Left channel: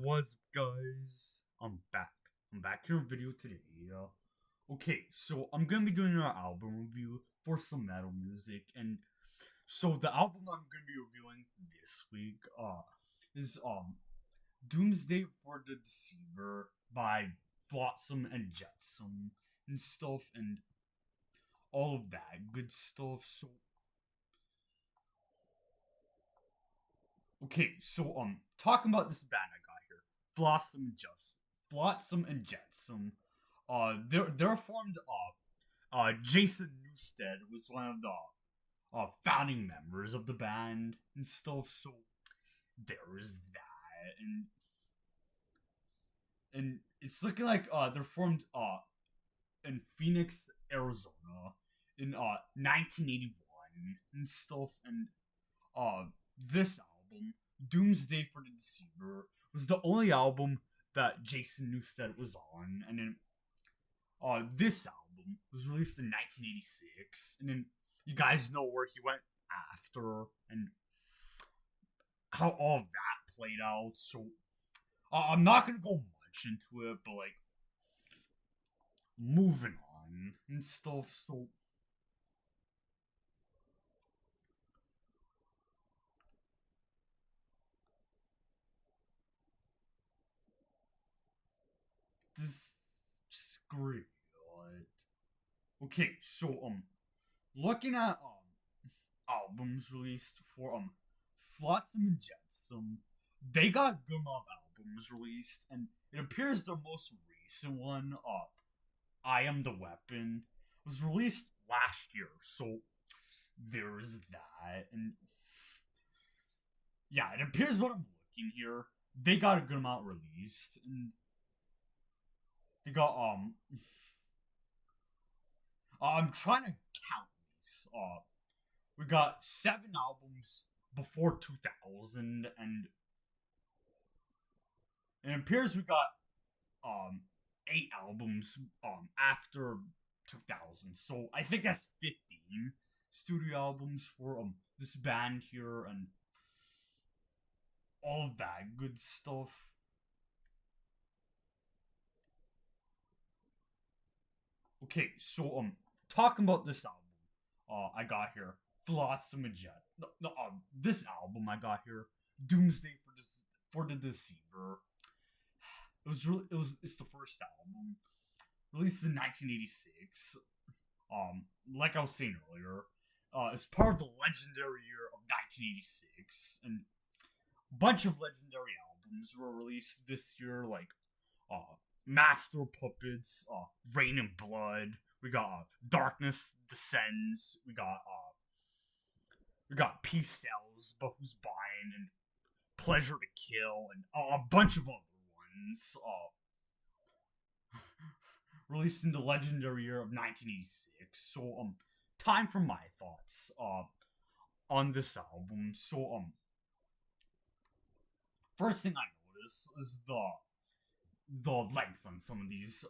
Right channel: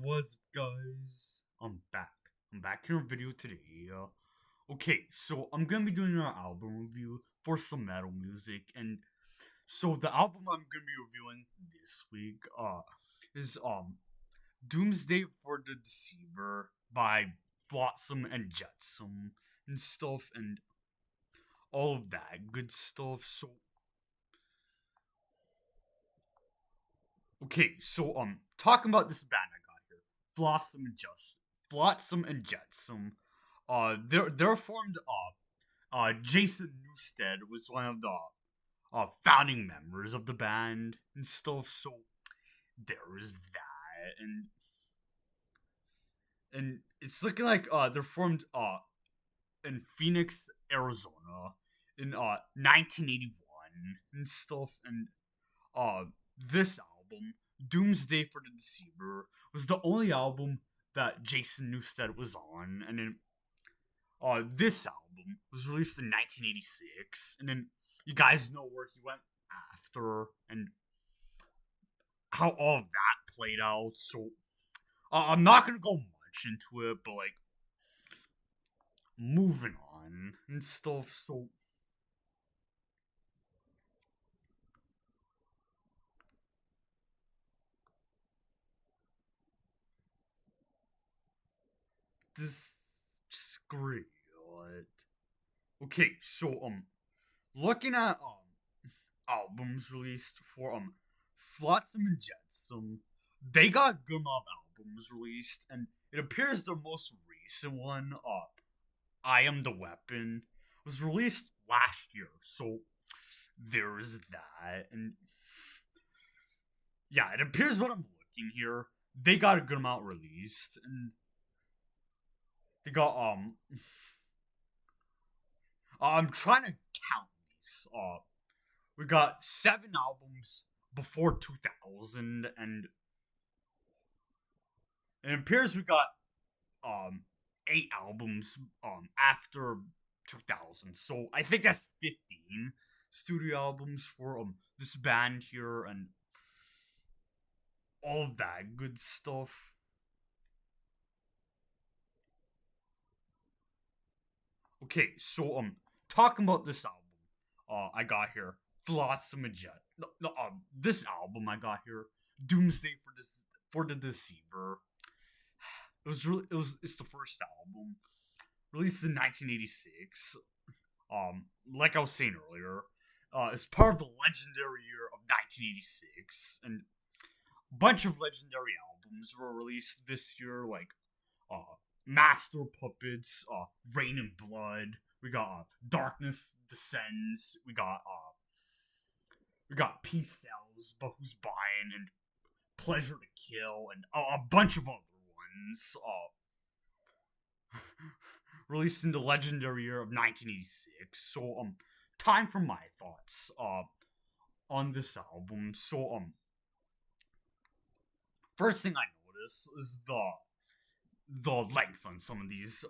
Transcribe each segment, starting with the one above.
What's up, guys? I'm back. I'm back here in video today. Okay, so I'm gonna be doing an album review for some metal music, and so the album I'm gonna be reviewing this week is Doomsday for the Deceiver by Flotsam and Jetsam and stuff and all of that good stuff. So okay, so talking about this band I got here, Flotsam and Jetsam. They're formed Jason Newsted was one of the founding members of the band and stuff. So there is that, and it's looking like they're formed in Phoenix, Arizona, in 1981 and stuff. And uh, this album, Doomsday for the Deceiver, was the only album that Jason Newsted was on, and then this album was released in 1986, and then you guys know where he went after and how all of that played out. So I'm not gonna go much into it, but like moving on and stuff. So this just great. Okay, so looking at albums released for Flotsam and Jetsam, they got good amount of albums released, and it appears their most recent one, I Am the Weapon, was released last year. So there's that, and yeah, it appears what I'm looking here. They got a good amount released, and they got I'm trying to count these. We got 7 albums before 2000, and it appears we got um 8 albums after 2000. So I think that's 15 studio albums for this band here and all that good stuff. Okay, so talking about this album, I got here Flotsam and Jet. No, this album I got here, Doomsday for the Deceiver. It's the first album released in 1986. Like I was saying earlier, it's part of the legendary year of 1986, and a bunch of legendary albums were released this year, like Master Puppets, Rain and Blood. We got Darkness Descends. We got Peace Sells, But Who's Buying, and Pleasure to Kill, and a bunch of other ones. Released in the legendary year of 1986. So time for my thoughts on this album. So first thing I notice is the length on some of these.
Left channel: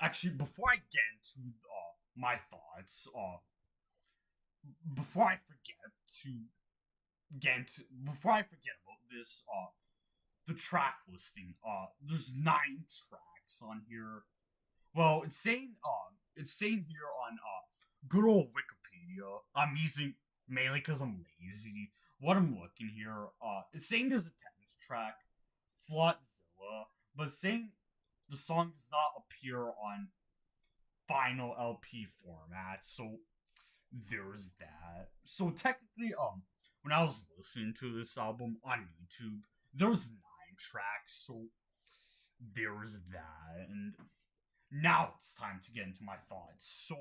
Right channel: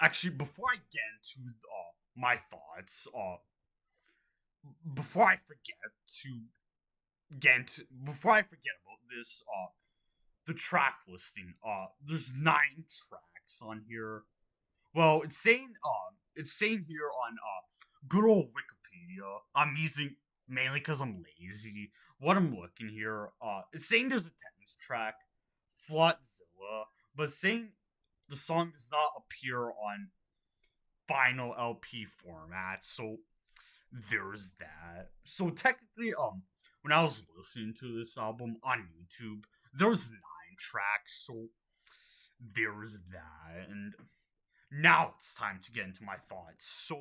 Actually, before I get into my thoughts, before I forget to before I forget about this, the track listing. There's 9 tracks on here. Well, it's saying here on good old Wikipedia. I'm using mainly because I'm lazy. What I'm looking here, it's saying there's a tennis track, Flotzilla, but saying the song does not appear on final LP format. So there's that. So technically, when I was listening to this album on YouTube, there's 9 tracks. So there's that, and now it's time to get into my thoughts. So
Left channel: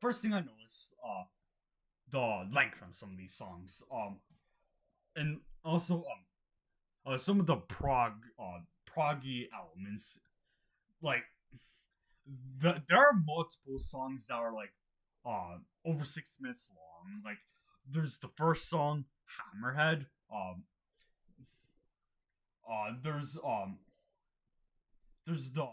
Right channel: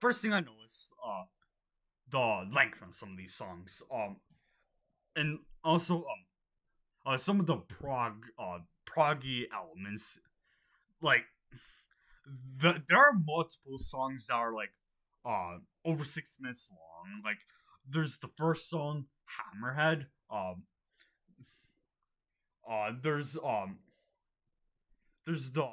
first thing I noticed, the length on some of these songs, and also some of the proggy elements, like there are multiple songs that are like over 6 minutes long. Like there's the first song, Hammerhead. There's there's the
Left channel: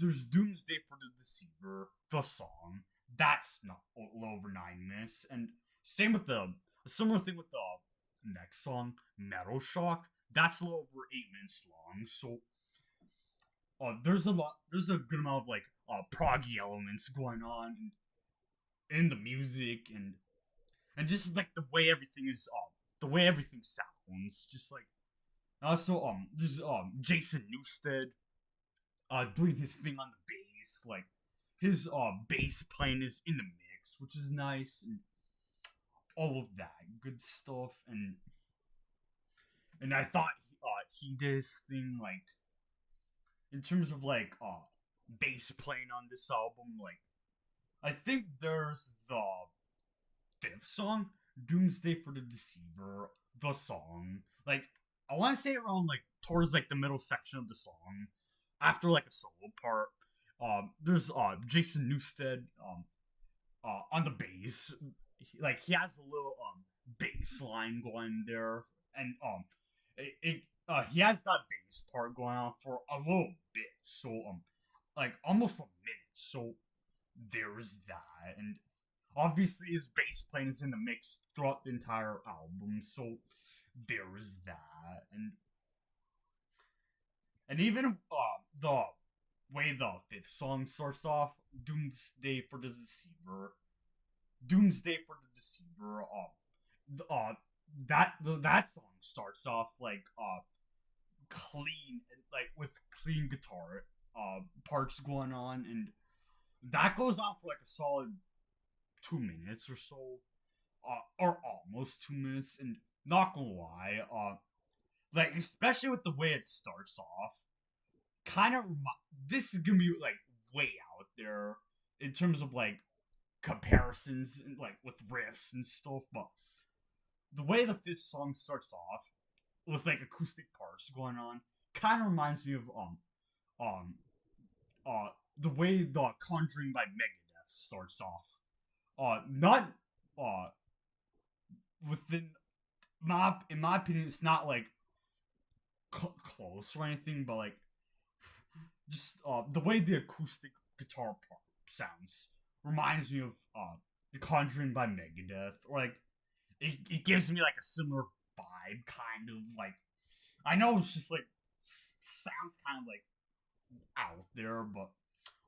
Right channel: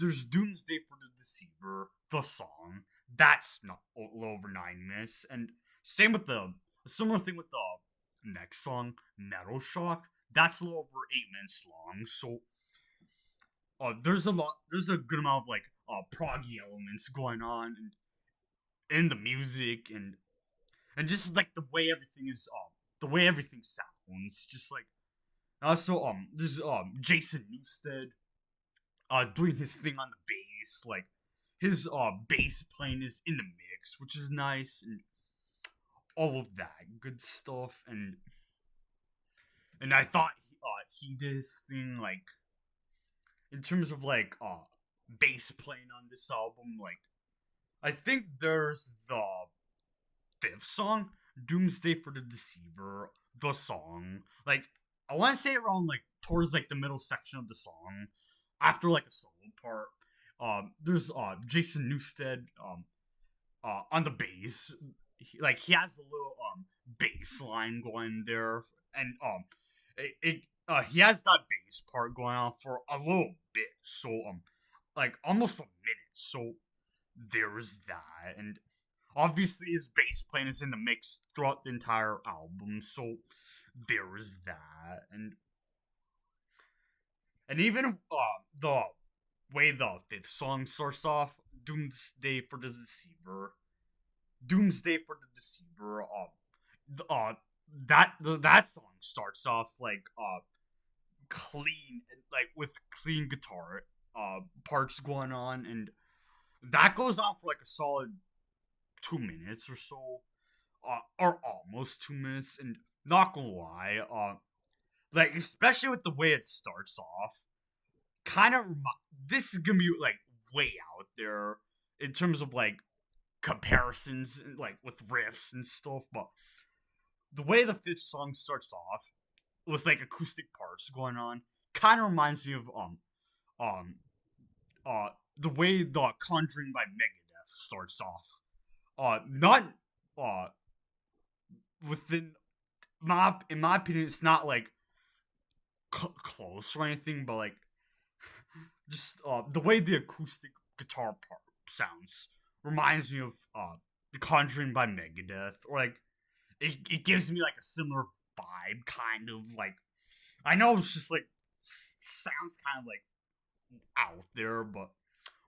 there's Doomsday for the Deceiver, the song. That's not a little over 9 minutes, and same with the a similar thing with the next song, Metal Shock, that's a little over 8 minutes long. So there's a good amount of like proggy elements going on in the music and just like the way everything sounds, just like also there's Jason Newsted doing his thing on the bass, like his bass playing is in the mix, which is nice, and all of that good stuff, and I thought he did his thing like in terms of like bass playing on this album. Like I think there's the fifth song, Doomsday for the Deceiver, the song. Like I want to say around like towards like the middle section of the song, after like a solo part. There's Jason Newsted on the bass. Like he has a little bass line going there, and he has that bass part going on for a little bit, so like almost a minute. So there's that, and obviously his bass playing is in the mix throughout the entire album. So there is that, and even the way the fifth song starts off, Doomsday for the Deceiver, Doomsday for the Deceiver. That song starts off like clean, like with clean guitar parts going on, and that goes on for like a solid 2 minutes or so, or almost 2 minutes. And not gonna lie, like especially with the way it starts off, kind of this is gonna be like way out there in terms of like comparisons like with riffs and stuff, but the way the fifth song starts off with like acoustic parts going on kind of reminds me of um uh the way the Conjuring by Megadeth starts off. Not uh within my in my opinion, it's not like close or anything, but like just the way the acoustic guitar part sounds reminds me of the Conjuring by Megadeth, or like it gives me like a similar vibe, kind of like I know it's just like sounds kind of like out there, but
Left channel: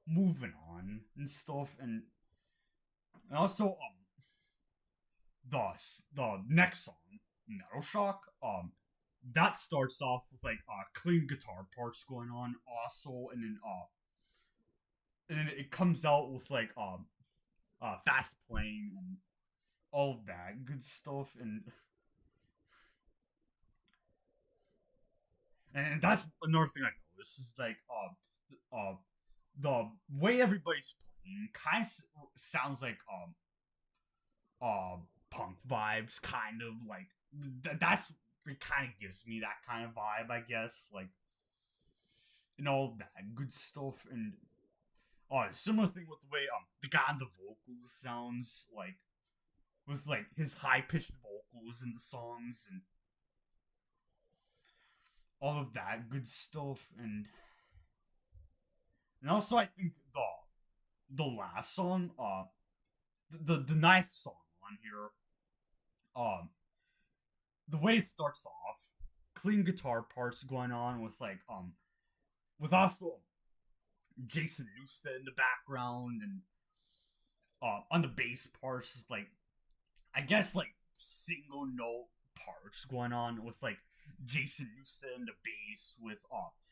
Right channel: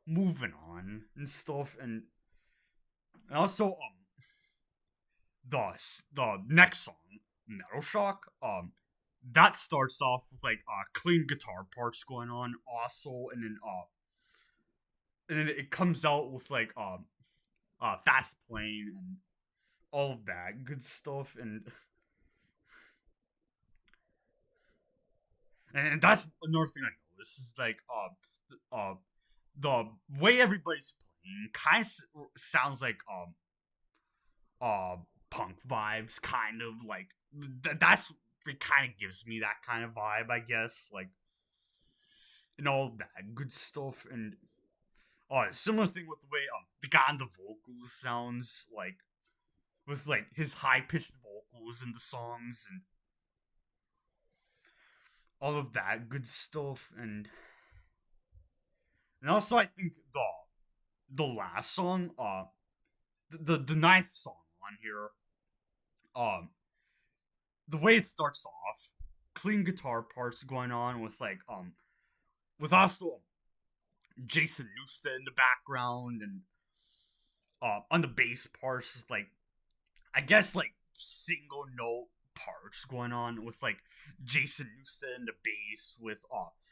moving on and stuff, and also the next song, Metal Shock, that starts off with like clean guitar parts going on also, and then it comes out with like fast playing and all of that good stuff, and that's another thing I noticed is like the way everybody's playing kind of sounds like punk vibes, kind of like that's it kind of gives me that kind of vibe, I guess, like and all that good stuff, and similar thing with the way the guy on the vocals sounds like with like his high pitched vocals in the songs and all of that good stuff, and also I think the last song, the ninth song on here, um, the way it starts off, clean guitar parts going on with like with also Jason Newsted in the background, and on the bass parts is like I guess like single note parts going on with like Jason Newsted in the bass with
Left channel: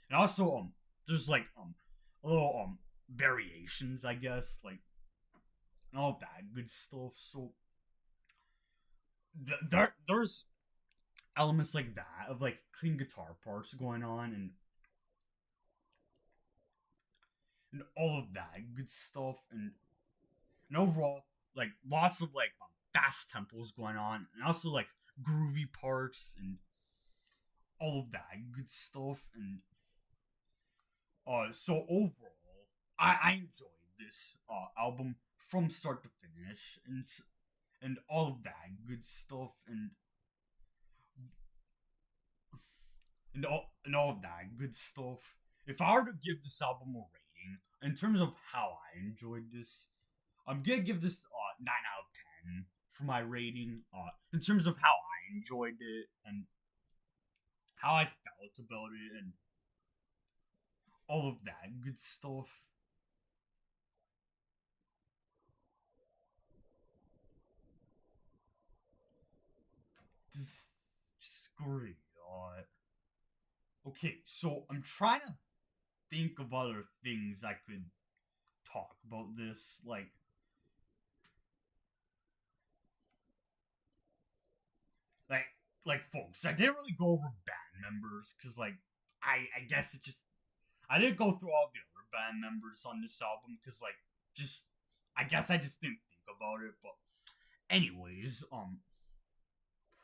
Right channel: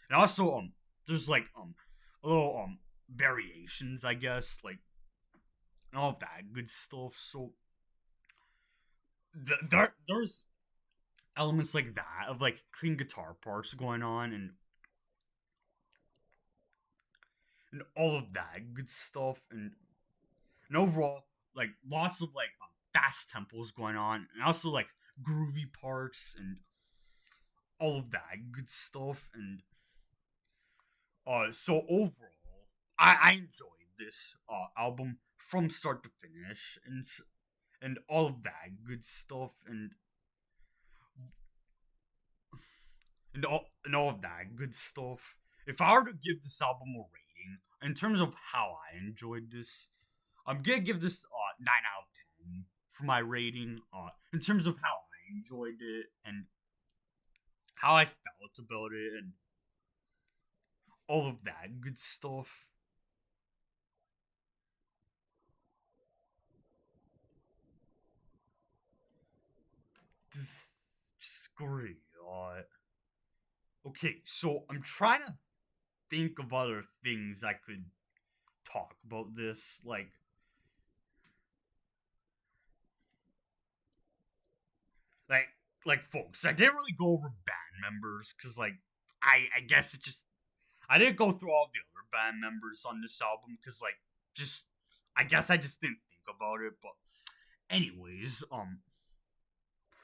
and also there's like a little variations, I guess, like and all of that good stuff. So there's elements like that of like clean guitar parts going on, and all of that good stuff, and overall like lots of like fast tempos going on, and also like groovy parts and all of that good stuff, and so overall I enjoyed this album from start to finish, and all of that good stuff, and all of that good stuff. If I were to give this album a rating in terms of how I enjoyed this, I'm gonna give this 9 out of 10 for my rating. In terms of how I enjoyed it and how I felt about it and all of that good stuff. Disagree. Okay, so I'm trying to think of other things I could talk about this. Like, folks, I didn't really go over band members because, I guess it just I didn't go through all the other band members on this album because, just I guess I just didn't think about it. But anyways,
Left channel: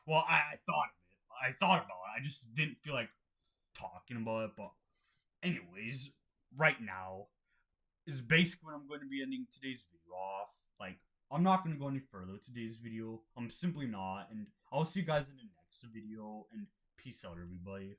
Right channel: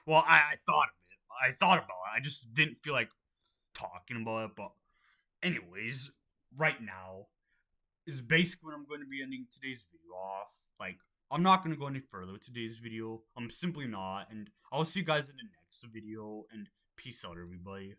well, I thought of it. I thought about it. I just didn't feel like talking about it. But anyways, right now is basically when I'm going to be ending today's video off. Like, I'm not going to go any further with today's video. I'm simply not. And I'll see you guys in the next video. And peace out, everybody.